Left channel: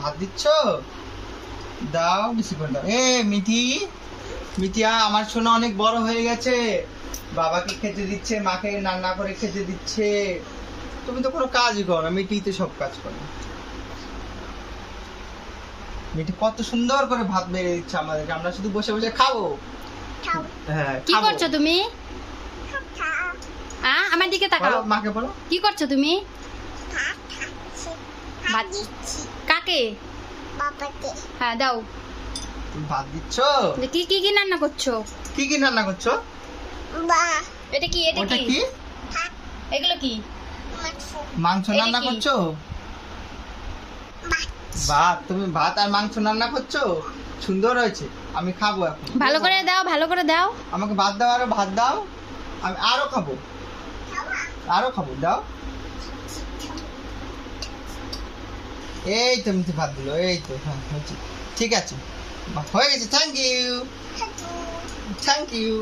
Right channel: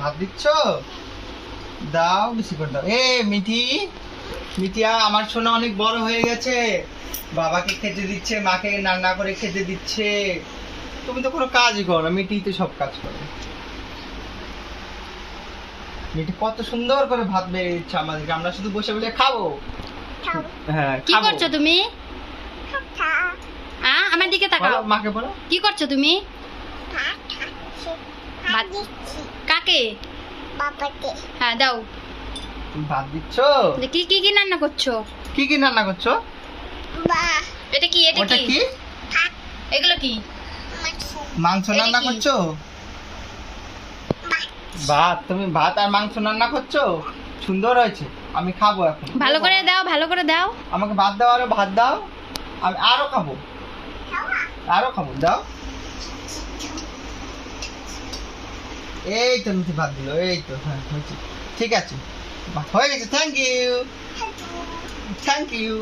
ভাত দিচ্ছ? দাও বেশি করে দাও। এ মিঠি মিঠিয়া আমার সোনা অনেক বড় হয়ে গেছে। বাবাকে খেতে দিচ্ছে মাকে রান্না করে খেতে দিচ্ছে। তুমি তো কোনো কাজই করো না মিঠি তো সব কাজ করে। মিঠি কত সুন্দর করে ভাত বেড়ে দিচ্ছে আমাদেরকে। আমরা শুধু বসে বসে খাব। হ্যাঁ কি করছ তুমি? আ আমার দিকে তাকাও। মাকে বলো। কি করছ তুমি? ভাত কাকে? হ্যাঁ দাও। তুমি ভাত দিচ্ছ? কি কি কি রান্না করছ? কি কি রান্না করছ? এটা কি এটা কি? কি? এগুলো কি? মাংস। রান্না করছ? ভাত। তুমি ভাত আর মাংস রান্না করছ? সুন্দর হয়েছে। আমি খাব এখন। ভালো করে দাও ভালো করে দাও। আমাকে ভাত দাও আরও ভাত দাও। আমি আরও খাব। আরও খাব দাও। এই তো মিঠি ভাত দিল এই তো হ্যাঁ হয়েছে ঠিক আছে। হয়ে গেছে থ্যাংক ইউ থ্যাংক ইউ